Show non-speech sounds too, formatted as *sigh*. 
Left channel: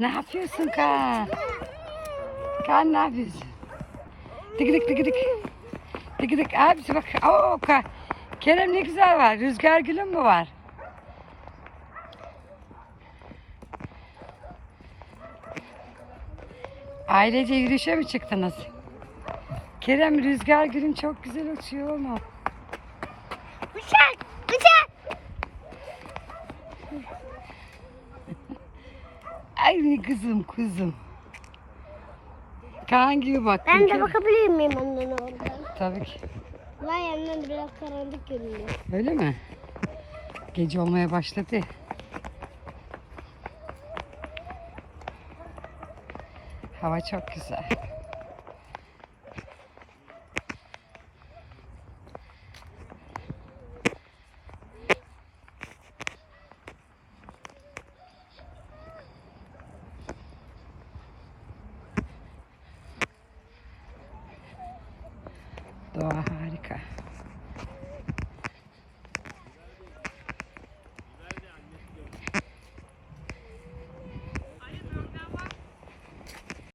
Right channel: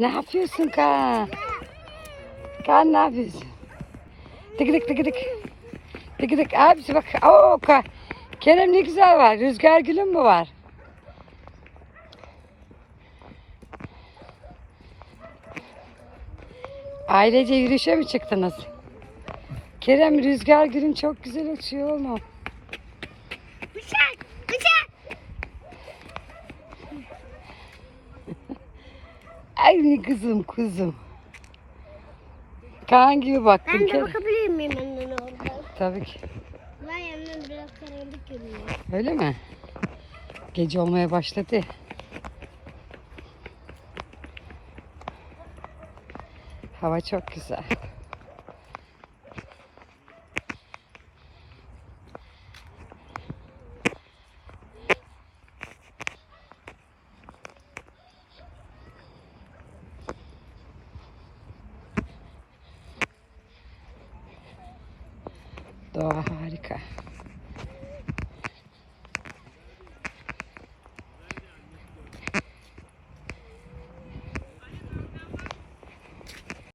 Ne yapıyorsun Kaan? Kaan ne yapıyorsun? Tıkıdık tıkıdık. Tıkıdık abisi bak. Oo, Ka- Kerem ne güzel var. Rüzgar gülüm mü var? Ailece yürüyüşe mi çıktınız? Kerem rüzgar gülün çok güzel uçuyor mu? Bıçak! Bıçak! *laughs* Ay kızım kuzum. Kaan gibi bak. Ben de bakabilir miyim annen oradan? Tabii ki. Var yanından biraz karanlık görünüyor. Öyle mi? Gece olmaya başladı. Hava çok güzel. Doğa harika.